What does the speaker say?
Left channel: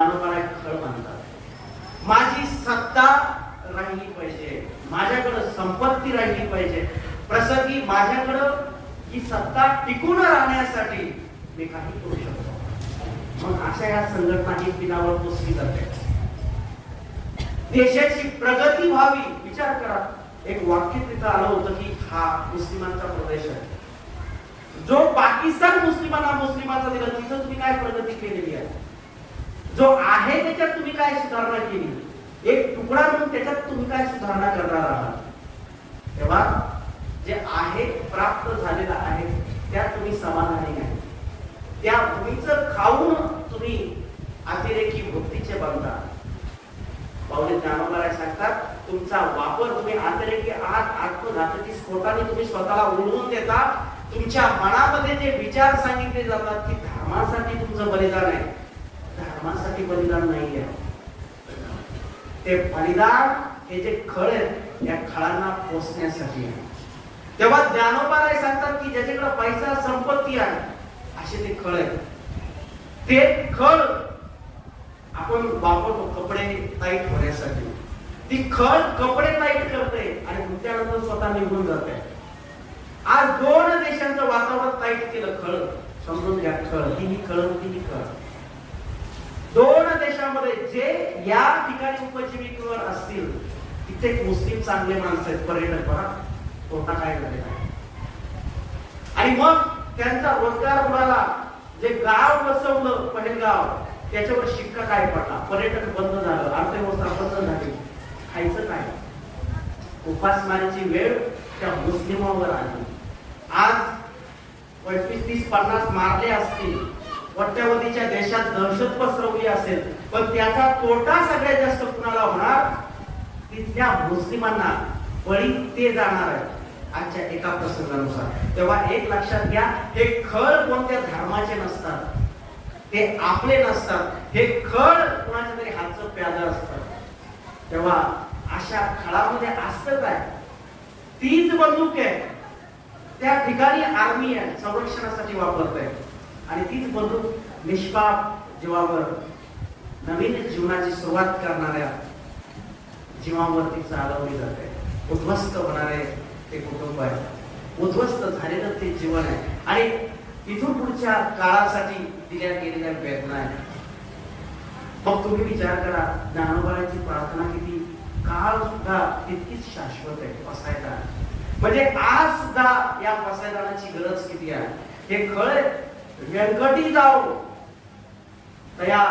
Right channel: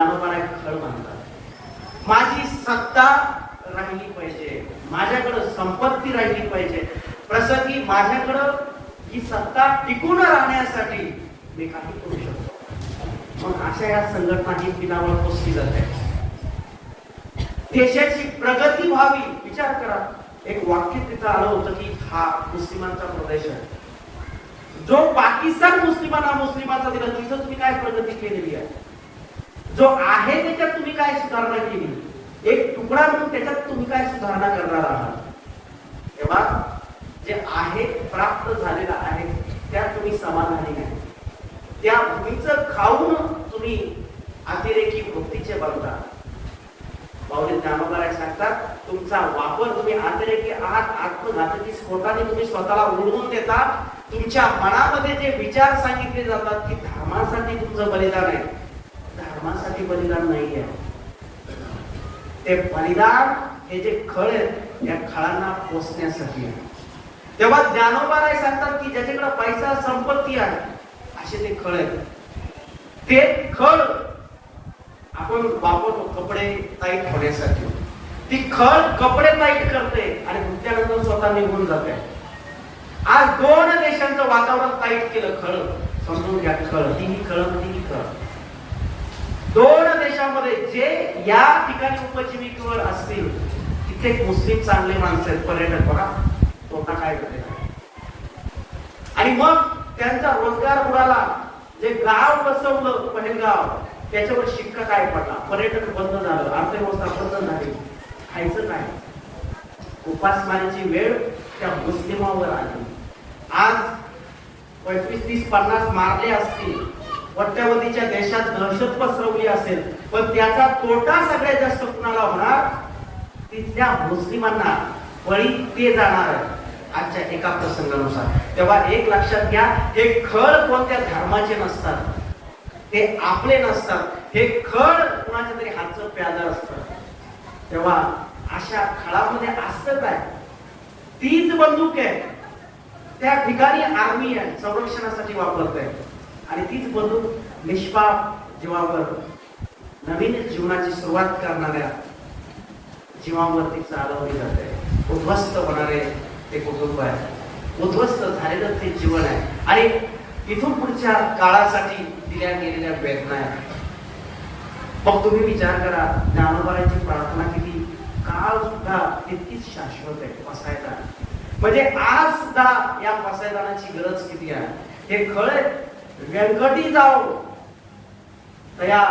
खळ म्हणतात। माझी सत्ता राहिली पाहिजे, माझ्याकडे संपत्ती राहिली पाहिजे, प्रसंगी माझ्याकडे ही सत्ता टिकून राहण्यासाठी मी काही करू शकतो। मग अशा या संघटना ही पिनावर पोचली जाते। देशाची प्रगती व्हावी, विचार करा, एक वाक्य तिथं आलं होतं की हा मुस्लिमांचा प्रदेश आहे, जो पाकिस्तान मुस्लिमांचा दिला तिथं तुम्ही काय प्रगती केलेली आहे, जो आहे त्याच्यात तुम्ही काय सुधारणा केली, एक तुकडा म्हणून त्याच्यात तुम्ही काय सुधारणा करणार आहात। तेव्हा जे आहे प्राप्त झालेलं आहे त्यात तुम्ही समाधानी नाही, त्या भूमीचं खाऊन तुम्ही अतिरेकी वृत्तीचे बनता। पावले ज्ञानोबा सांगतात, तुमचा वापर तुम्ही अतिरेकी आत्मघातकी स्फोटाने तुम्ही स्वतःला उडवून देता। तुमच्या मनामध्ये जे विचार सांगितले जातात की धर्मासाठी तुमचं बलिदान आहे, धर्मासाठी बलिदान नाहीये, ते बलिदान हे जे खळ आहेत या खळांना पोचण्यासाठी आहे। तेव्हा ज्ञानोबा सांगतात की ज्याच्याकडे पैसा संपत्ती आहे असे ते खळ आहेत, ते खळ आपण वापरतो कपडे टाईट होण्यासाठी, ती खळ कपडे टाईट करते आणि त्यानंतर स्वतः निघून जाते। आज दोन देशांचं वातावरण टाईट केलं, खळ समजून घ्या, खळ ही खळ ती खळ। दोन देशांमध्ये जे या ठिकाणी उपजीविकेवर असतील तिथे मुस्लिम चांगले माणसं आहेत, पर्यटक बघा कोणता काय करते, आणि मग त्यांचा रोजगार बुडाला। जे गाव बसवलं पहलगाव त्याच्यावर शिक्का काय पडला, पर्यटक बंद झालं, अर्थव्यवस्था बंद झाली, खायचं काय, उपासमारीची वेळ त्या मुस्लिमावर आली। आज 25, 30, 50 मारले असतील, वट्यावधीच्या देशात दहशत पसरवली असेल, पण त्याचा तोटा सगळ्यात जास्त कुणाला होणार, तिथल्या मुस्लिमांना बळी ते जाणार आहे आजच्या एका प्रसंगानुसार। तेव्हा एक लक्षात घ्या, हे खळ कोणत्या धर्माचे नसतात, ते आपले नसतात, हे खळ कोणाच्या तरी हातचं प्यालं असतं। तेव्हा अशा खळामध्ये असतं काय, तीच बंदूक आहे, त्या ठिकाणी आर्मी आहे, संरक्षणासाठी वापरत आहे, आणि तीच बंदूक निष्पाप जीवावर नवीन जीवनाची सुरुवात करणाऱ्या जीवांवरती चालवली जाते। उद्ध्वस्त होणारे ते कुटुंब आहे, उद्ध्वस्त झालेलं ते जीवन आहे, आणि इथून पुढच्या काळासाठी दिल्या गेलेल्या वेदना आहेत। मग तुम्ही विचार करा, ज्ञानोबाची प्रार्थना किती काळ सुद्धा तितकीच शाश्वत आहे, पसायदान म्हणजे आज सुद्धा या पसायदानाची गरज किती आहे। हे खळ व्यंकटी जाओ तया